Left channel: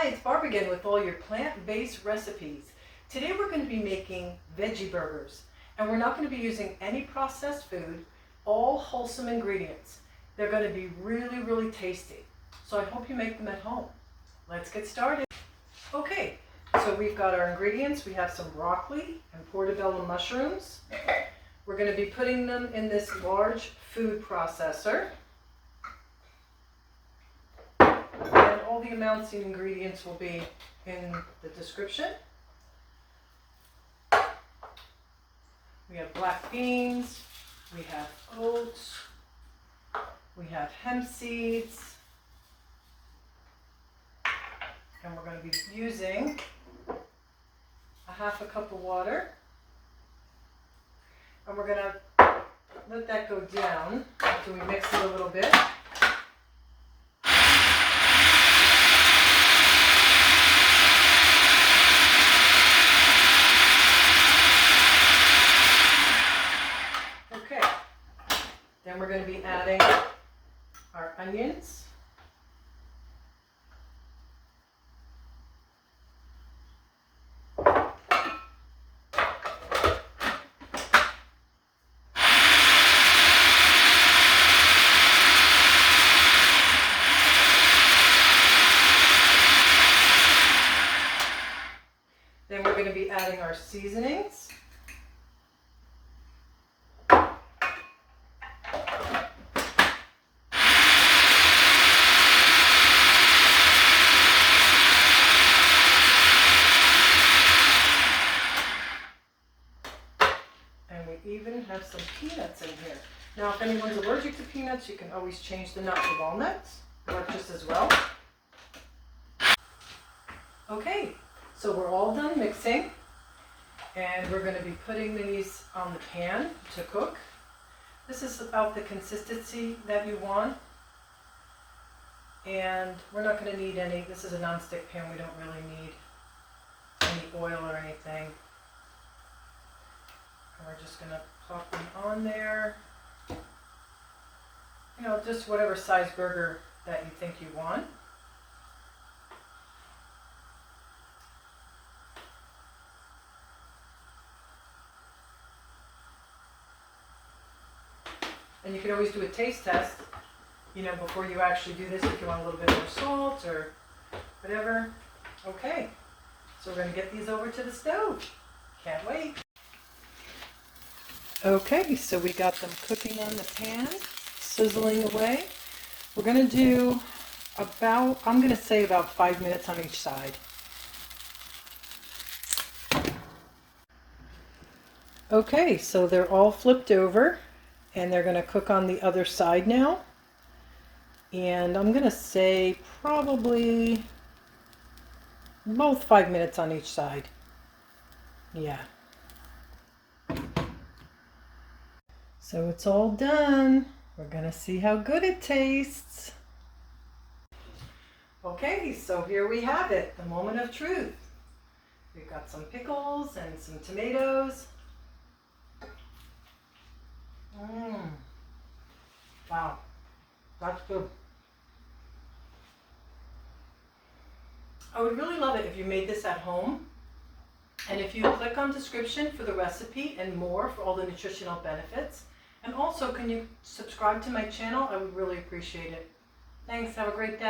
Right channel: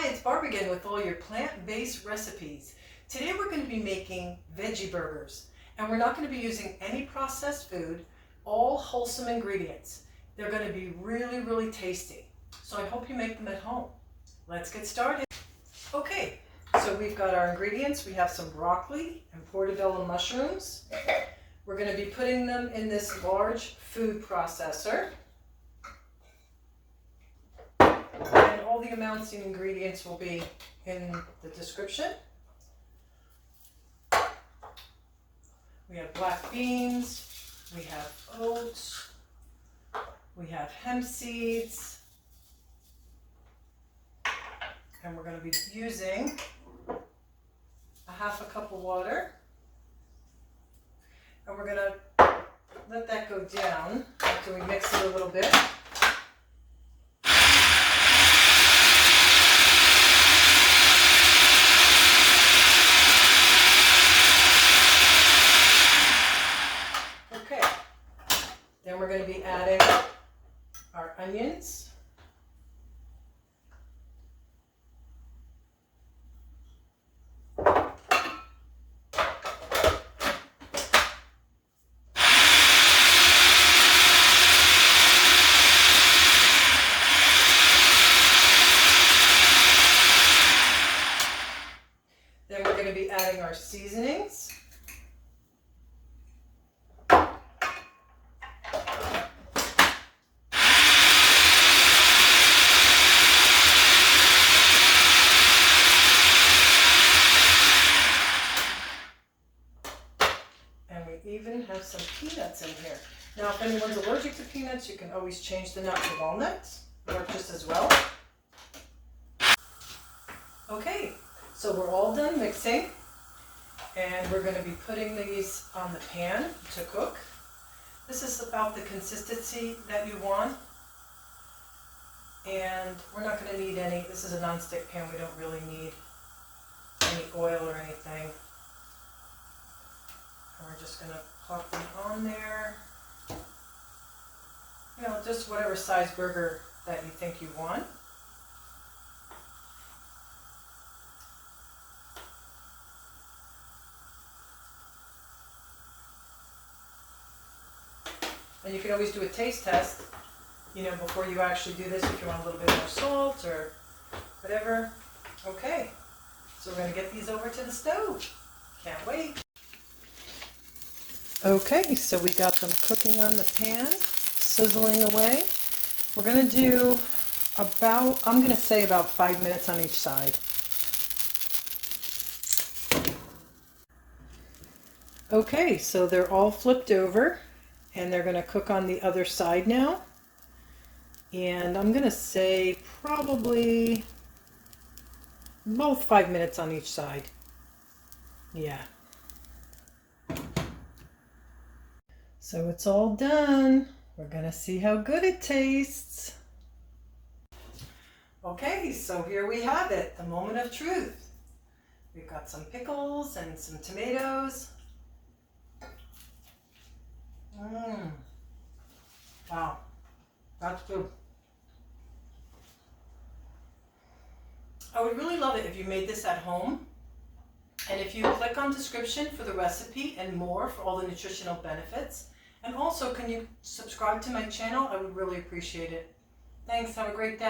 Hi, it's Barb again with all your plant-based recipes. Today we're going to be making veggie burgers, and we're not going to be using any processed food, all wholesome ingredients. They're going to be really, really tasty. So I hope you make them at home. Let's get started. Okay, so we've got our ingredients. We have some broccoli and portabella mushrooms. We're going to be putting them in this large food processor. And all the amounts and ingredients will be in the description. We have black beans, we have oats, we have hemp seeds, and we're going to be using a half a cup of water. And we're going to let that go down after we mix it a little bit. Okay, then we're going to be adding our onions. Then we're going to be adding our seasonings. And we even have some peanuts in here. Now, if anyone's allergic to peanuts, you can always change the nut to walnuts. Work just as well. Okay, so we're all done mixing. And we're going to be putting these on the pan to cook. This is about the consistency that you want. And we're not going to need any, this is a non-stick pan, we don't really need any oil or anything. And we're just going to pop them on there. You know, just whatever size burger that you think you want. And you can always do a taste test, you know, before you actually do this, if you want a little bit more salt or whatever. Okay, so we're going to get these over to the stove. Can't wait. Okay, so we got them cooking on the pan, sizzling away. We're going to do about, I'm going to say about 5 minutes on each side. Okay, so they're all flipped over. And they're going to cook on the other side now. And I'm going to say probably both 5 minutes on each side. Yeah. So it's all done. We're going to see how good it tastes. Okay, so here we have it, the moment of truth. We've got some pickles and some tomatoes. Wow, that's good. I would really love it if you made this at home. And if you click on description for the recipe and more for all the nutritional benefits. And also, can you subscribe to my channel? I would really appreciate it. Thanks, have a great day.